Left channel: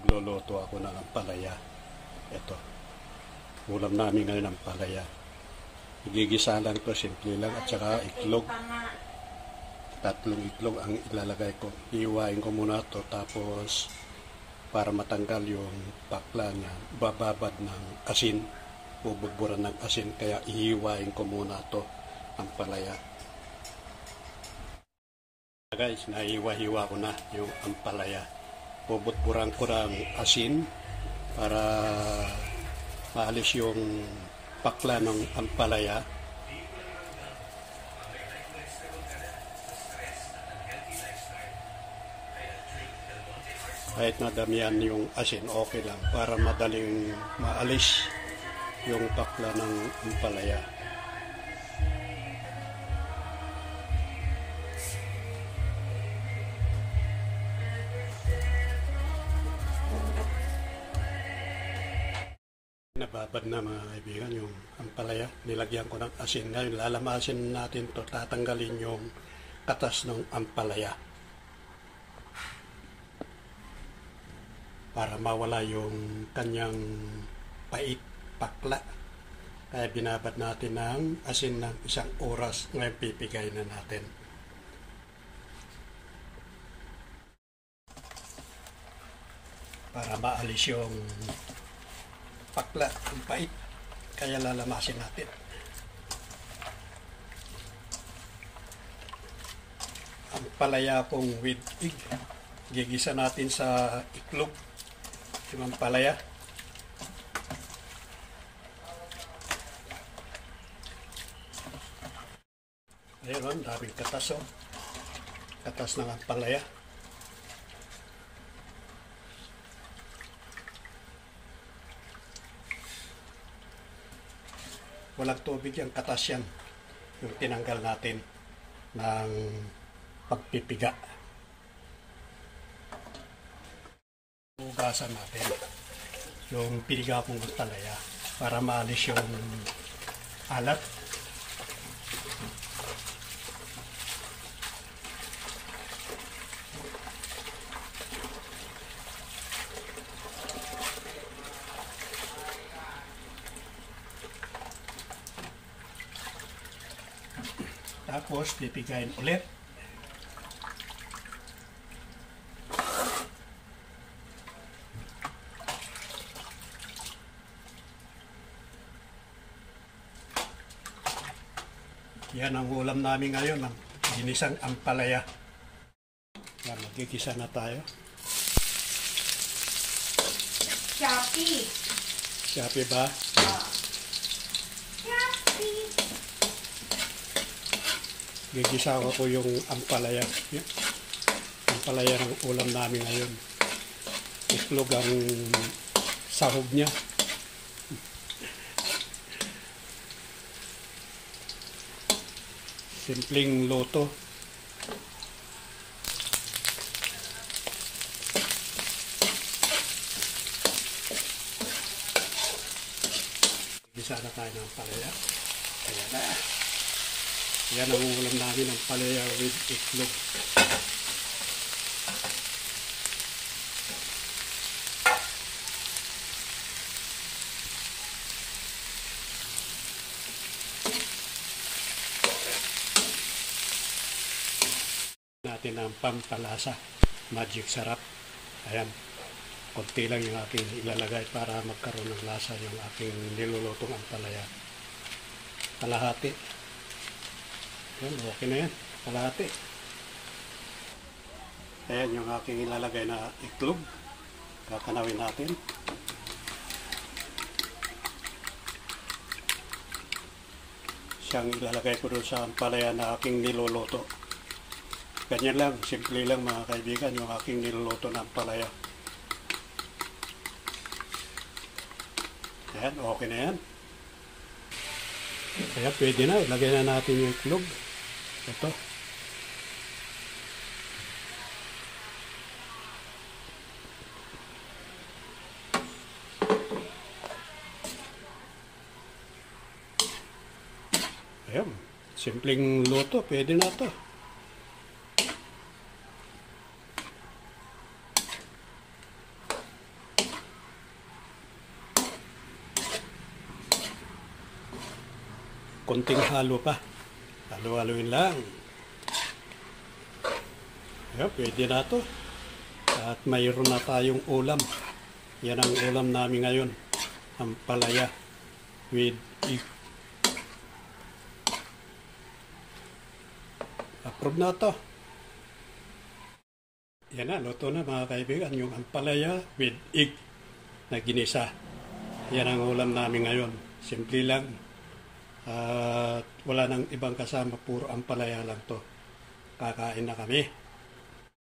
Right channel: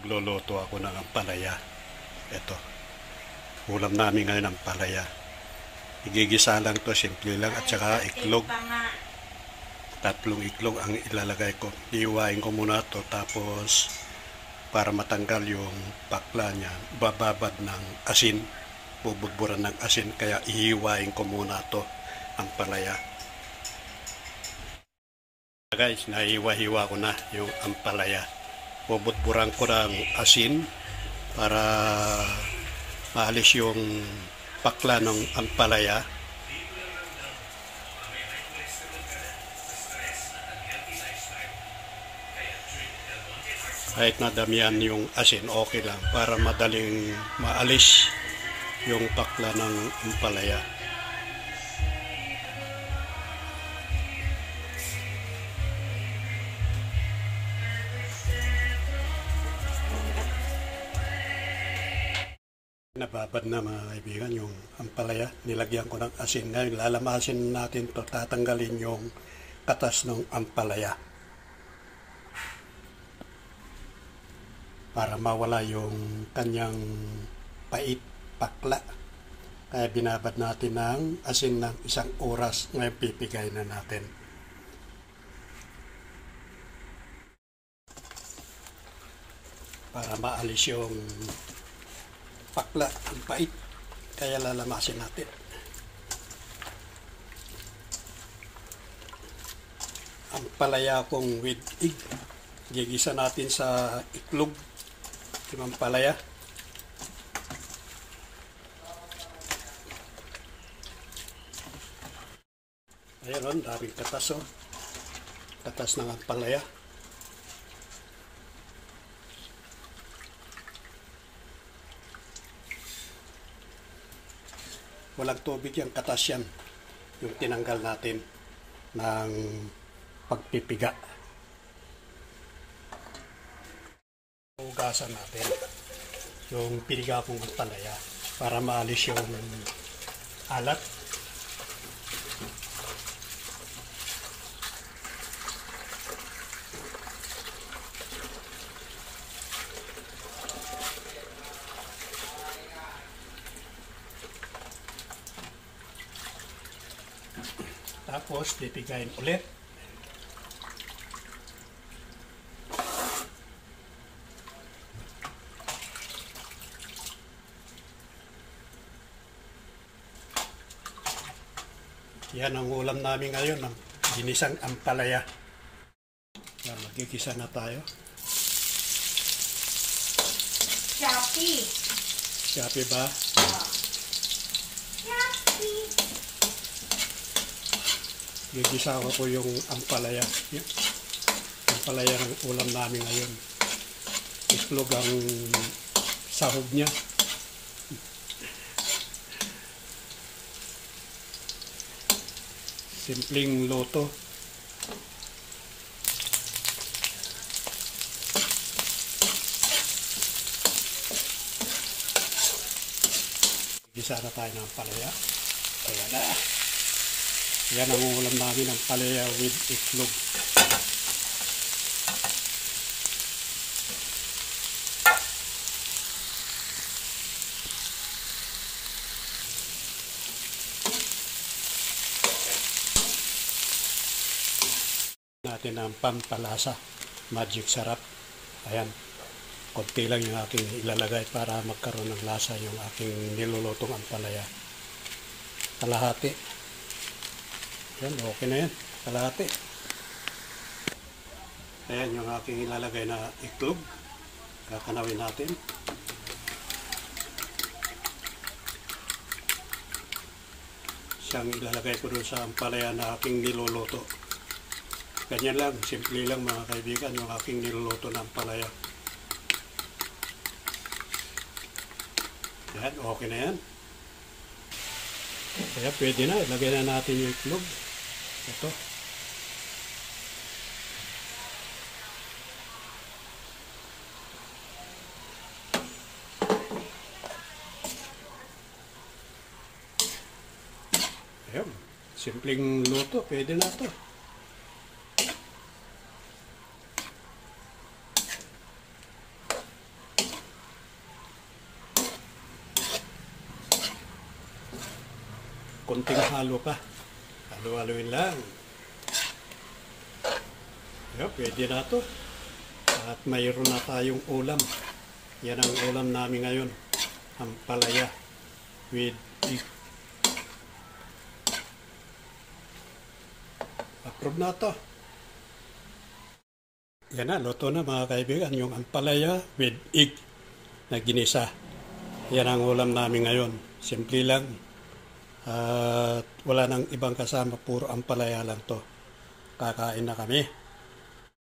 Magluluto ako ng ampalaya. Ito, ulam namin ngayon ang ampalaya. Igigisa lang to, simple lang, at saka iklog. Tatlong iklog ang ilalagay ko. Iiwain ko muna to, tapos para matanggal yung pakla niya, bababad ng asin, bubudburan ng asin, kaya ihiwain ko muna to, ampalaya. Guys, naihiwa-hiwa ko na yung ampalaya. Bubudburan ko ng asin para maalis yung pakla ng ampalaya. Kahit nadamihan yung asin, okay lang para madaling maalis yung pakla ng ampalaya. Nababad na mga kaibigan yung ampalaya. Nilagyan ko ng asin. Ngayon lalamasin natin to, tatanggalin yung katas ng ampalaya para mawala yung kanyang pait, pakla. Kaya binabad natin ng asin ng 1 oras. Ngayon pipigay na natin. Para maalis yung pakla, yung pait. Kaya lalamasin natin. Ampalaya kong with egg. Gigisa natin sa iklog yung ampalaya. Ayun, daming katas, oh. Katas ng ampalaya. Walang tubig yung katas yan. Yung tinanggal natin ng pagpipiga. Hugasan natin yung piniga kong ampalaya para maalis yung alat. Tapos pipigayin ulit. Yan ang ulam namin ngayon, ng ginisang ampalaya. Yan, magigisa na tayo. Shopee. Shopee ba? Shopee. Gigisa ko po yung ampalaya. Yan. Ampalaya ng ulam namin ngayon. Itlog ang sahog niya. Simpleng luto. Gisa na tayo ng ampalaya. Ayan na. Yan ang ulam namin, ng ampalaya with itlog. Natin ang pampalasa, magic sarap. Ayan, konti lang yung aking ilalagay para magkaroon ng lasa yung aking nilulutong ampalaya. Kalahati. Ayan, okay na yan. Kalahati. Ayan yung aking ilalagay na itlog. Kakanawin natin. Siyang ilalagay ko dun sa ampalaya na aking niluluto. Ganyan lang, simple lang mga kaibigan, yung aking niluluto ng ampalaya. Ayan, okay na yan. Kaya pwede na, ilagay na natin yung itlog. Ito. Ayan, simpleng luto, pwede na ito. konting halo pa. Halo-haloin lang. Pwede na to. At mayroon na tayong ulam. Yan ang ulam namin ngayon. Ampalaya with egg. Approve na to. Yan na, luto na mga kaibigan. Yung ampalaya with egg na ginisa. Yan ang ulam namin ngayon. Simple lang. At wala nang ibang kasama. Puro ampalaya lang to. Kakain na kami.